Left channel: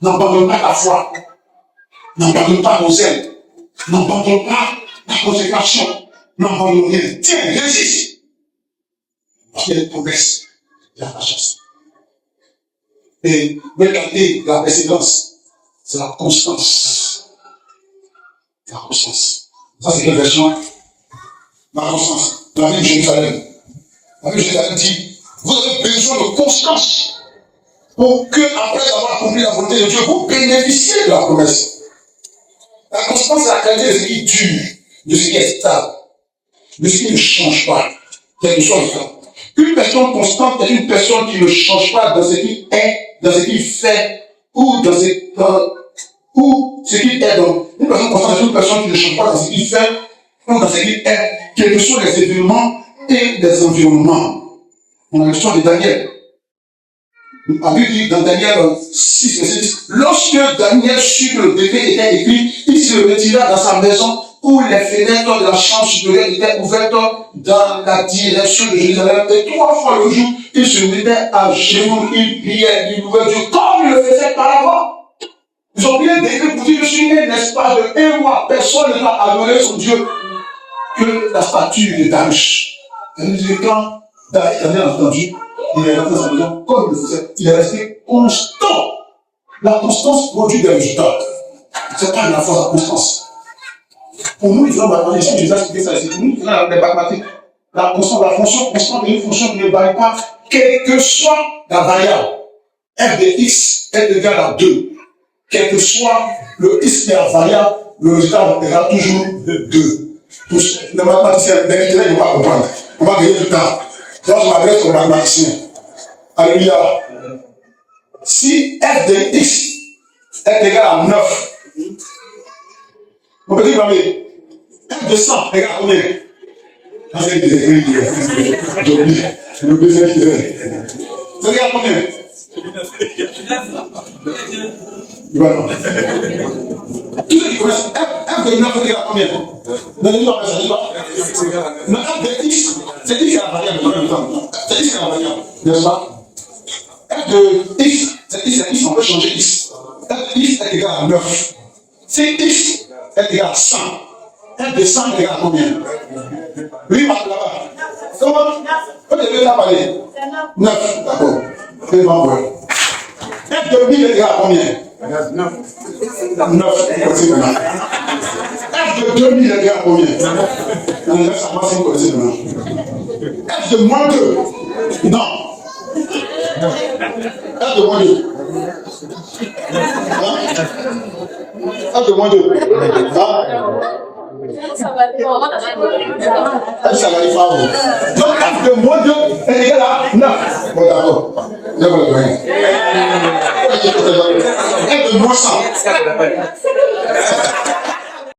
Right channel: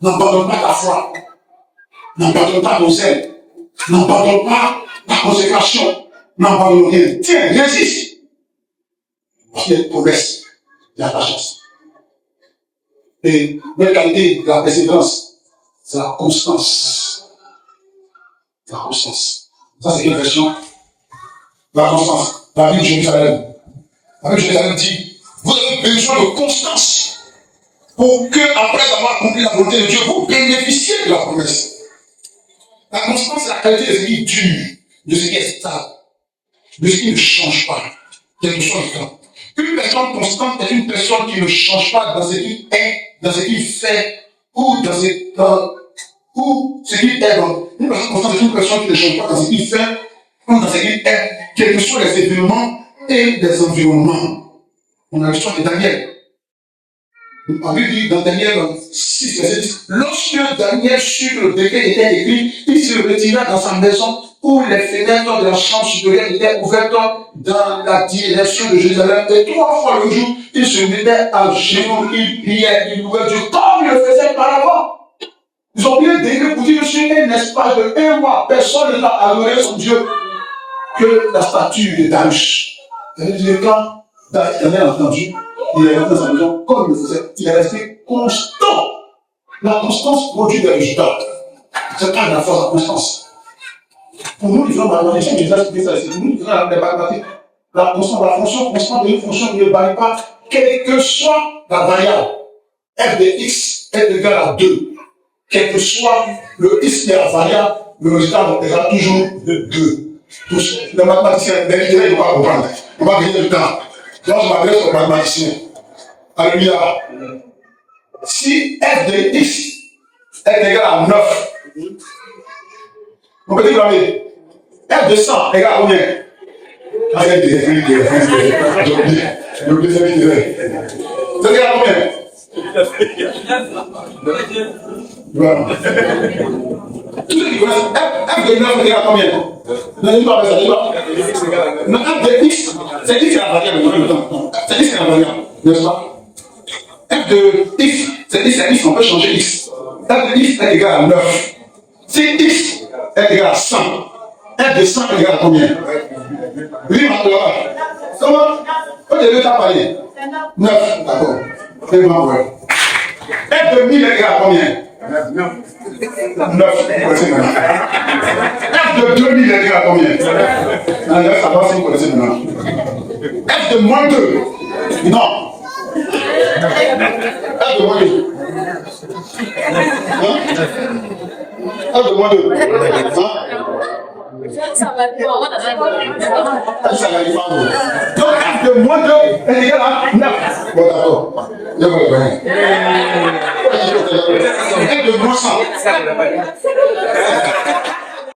N'abandonne pas ta foi. N'abandonne pas ton zèle. N'abandonne pas ta consécration. N'abandonne rien. Tiens, résiste. Parce qu'il y a une promesse. Il y a ta chance. Et la qualité de la persévérance, c'est la constance. La constance. Ça, c'est quelle version? La constance. La Bible de Jérusalem. La Bible de Jérusalem dit, vous avez besoin de constance pour que, après avoir accompli la volonté de Dieu, vous bénéficiez de la promesse. La constance, c'est la qualité de ce qui dure, de ce qui est stable, de ce qui ne change pas, quel que soit le cas. Une personne constante est une personne qui ne change pas dans ce qui est, dans ce qu'il fait, ou dans ce qu'il est. Donc, une personne constante est une personne qui ne change pas dans ce qu'il fait, ou dans ce qu'il est, quels que soient les événements et les environnements. On a l'histoire de Daniel. On dit dans Daniel 6, verset 10, lorsque Daniel sut que le décret était écrit, il se retira dans sa maison où les fenêtres de la chambre supérieure étaient ouvertes dans la direction de Jérusalem. Et 3 fois le jour, il se mettait à genoux, il priait, il louait Dieu, comme il le faisait par avant. Ils ont bien décrit pour dire que sur un espace de 1 mois, personne n'a adoré son Dieu que la statue de Darius. Et quand Daniel a entendu, il est rentré dans sa maison comme il le faisait. Il est resté constant. La constance produit des résultats. C'est pas la force, la constance. Pour nous, les hommes mathématiciens, j'ai déjà expliqué ça ici. Pour nous, les mathématiques, la constance, la fonction constante est une fonction qui ne varie pas, quelle que soit la variable. F de x est égal à 2. Quel que soit le x qui est la variable, le résultat sera toujours de 2. Tous les mathématiciens, les littéraires, ils ne vont pas comprendre. On va gagner du temps. Là, je m'adresse aux mathématiciens. Alléluia. Si f de x est égal à 9, mon petit ami, f de 100 est égal à combien? J'ai oublié cette idée. C'est égal à combien? Tous ceux qui connaissent f de 9 est égal à combien? Non, f de x, c'est x qui est la variable. C'est x qui est la variable. N'est-ce pas? F de x, c'est x, on peut changer x. F de x est égal à 9. Si x est égal à 100, f de 100 est égal à combien? Oui, maintenant, comment? Quand tu veux parler? 9, d'accord. C'est bon, ouais. F de 1000 est égal à combien? 9. F de 2000 est égal à combien? Non, ça va si vous connaissez maintenant. F de moins 2. Non. F de moins 2. F de moins 2. Ça n'arrive pas. Donc F de moins 2 est égal à 9. Bon, d'accord. Ne vous le prenez. F de moins 100.